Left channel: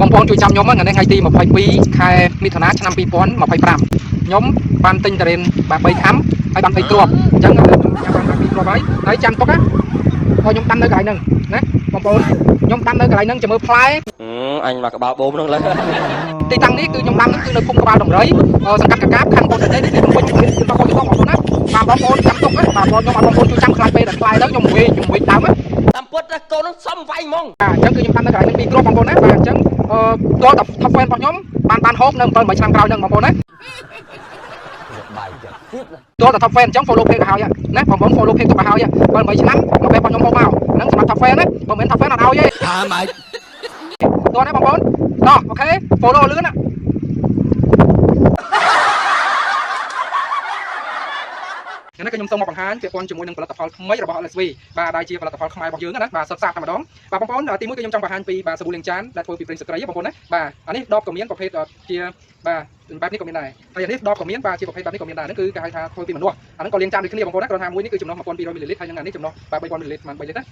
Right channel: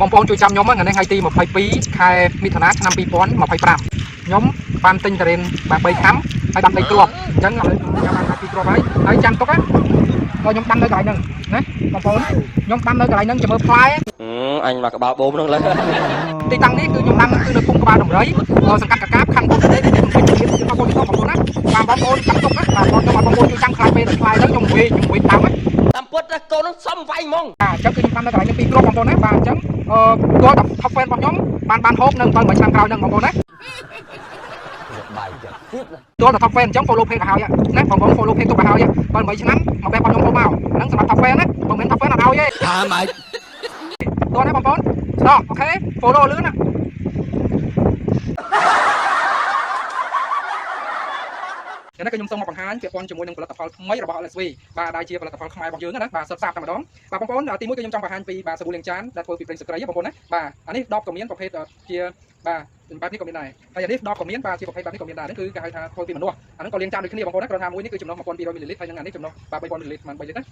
បងប្អូនជួយចាំខ្ញុំហ្នឹងថ្ងៃទី22ខែមិថុនាឆ្នាំ2025ខ្ញុំបានទិញតរេនបាទ3ខាំហើយបាន3ទ្រាប់អញ្ចឹងបាន2ទ្រាប់ហើយចាំទុកណាខ្ញុំដាំនៅកន្លែងហ្នឹងណាបងប្អូនខ្ញុំដាំនៅកន្លែងហ្នឹងចាំមើលផ្លែអញមកក្បាលបូមហ្នឹងលើទីតាំងនេះគឺខ្ញុំដាំគឺនៅភូមិក្បាលដំរីសង្កាត់កកាបខណ្ឌកូនប្រទេសទីខ្ញុំពេញជំនាញគឺបងប្អូនបងប្អូនណាបាទបងប្អូនចាំទុកណាបាទបងប្អូនជួយចាំខ្លាចពេលដល់ផ្លែហ្នឹងខ្ញុំវិញដើមតាមពុតកូននឹងសំវាយហ្មងអញ្ចឹងគឺខ្ញុំដាំនៅកន្លែងនេះ2គ្រាប់បងប្អូនណាបាទអញ្ចឹងចូលដល់ top fan របស់ខ្ញុំបានហូបនៅ7ឆ្នាំក្រោយហ្នឹងបងប្អូនណាបាយចិត្តទៀតចូលដល់ top fan អញ្ចឹង follow page ទៅហើយណាបងប្អូន follow page ទៅហើយ7ឆ្នាំមកពេលខ្ញុំហូបមកហ្នឹងសម្រាប់ top fan ណាមិនមែន top fan អត់ឲ្យទេម៉េចតោះណាបងប្អូនតោះអូខេ follow លឿនណានេះគឺខ្ញុំសូមមកបង្ហាញពាក់ព័ន្ធជាមួយនឹងផលិតផលថ្មីរបស់ LSV បាទដែលជាផលិតផលខ្មែររបស់យើងណាបាទសុទ្ធសាធតែម្ដងបាទបងប្អូនទីមួយគឺខ្ញុំចង់បង្ហាញពីបាទសាប៊ូលាងចានដែលធ្វើពីប្រេងស្ត្រីបងប្អូនណាបាទអានេះដបក៏មានប្រភេទជាបាទបែបនេះក៏មានដែរហើយអានេះដបក៏មានបាទជាប្រភេទបែបនេះក៏មានដែរហ្នឹងគឺគេហៅថាធ្វើពីមនុស្សអាហ្នឹងក៏លាងចានដូចគ្នាបងប្អូនណាគ្រាន់ថាមួយនេះគឺចំណុះ 1200 មីលីលីត្រហើយនឹងអានេះចំណុះបាទ3000 មីលីលីត្រប្រហែល3លីត្រណា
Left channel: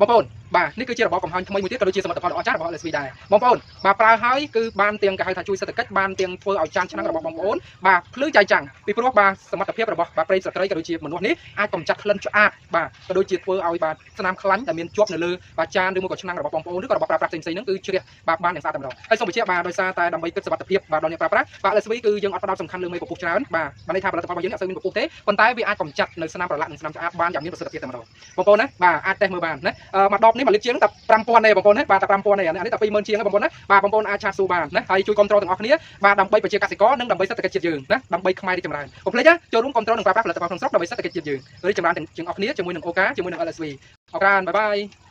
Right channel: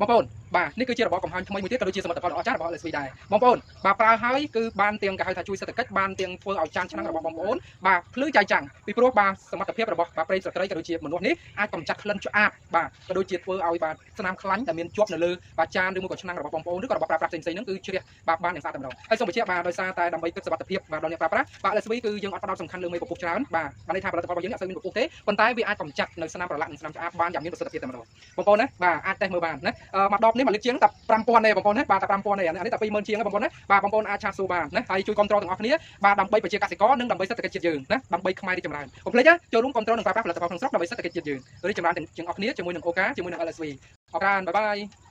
បងប្អូនបាទនេះគឺជារបបកំហែងថ្មីមួយទៀតក៏ដូចជាសមិទ្ធផលដ៏អស្ចារ្យរបស់ LSV ដែរបងប្អូនបាទប្រើហើយគឺបានទាំងគេហៅថាជួយសេដ្ឋកិច្ចបានទាំងធ្វើឲ្យចានឆ្នាំងរបស់បងប្អូនបាទភ្លឺចៃចាំងពីព្រោះបាទសមត្ថភាពរបស់បាទប្រេងស្ត្រីក៏ដូចជាមនុស្សនេះអាចកម្ចាត់ក្លិនឆ្អាបបាទក៏ដូចជាធ្វើឲ្យបាទស្នាមខ្លាញ់ដែលមានជាប់នៅលើបាទចានឬមួយក៏ឆ្នាំងរបស់បងប្អូនឬក៏របស់ប្រើប្រាស់ផ្សេងៗហ្នឹងគឺជ្រះបាទបានយ៉ាងស្អាតតែម្ដងហើយសូមបញ្ជាក់បាទដោយសារតែដើម្បីគិតសុវត្ថិភាពបាទដល់អ្នកប្រើប្រាស់បាទ LSV គឺយើងអត់ផ្ដោតសំខាន់លើមេពពុះច្រើនបាទន័យថាផលិតផលរបស់យើងអត់សូវមានពពុះទេប៉ុន្តែវាអាចកម្ចាត់នៅស្នាមប្រឡាក់និងស្នាមឆ្អាបបានយ៉ាងមានប្រសិទ្ធភាពតែម្ដងបងប្អូនណាបាទអាចតេស្តមើលបានណាមួយដបនេះ1លីត្រជាងតែ5000ទេបងប្អូនណាបាទតែ5000ទេអានេះតែ20000ជាងបងប្អូនណាបាទបងប្អូនអាចឆាតសួរបានណាហើយជួយគ្រប់គ្រងទាំងអស់គ្នាបាទដើម្បីប្រជាកសិករនិងដើម្បីសេដ្ឋកិច្ចជាតិយើងណាដើម្បីខ្មែររីកចម្រើនកុំភ្លេចណាចូលរួមគ្រប់គ្រងនិងប្រើប្រាស់ផលិតផលក្នុងស្រុកដើម្បីសេដ្ឋកិច្ចជាតិយើងរីកចម្រើនទាំងអស់គ្នាជាមួយនឹងអូកាជាមួយនឹង LSV អរគុណបាយបាយ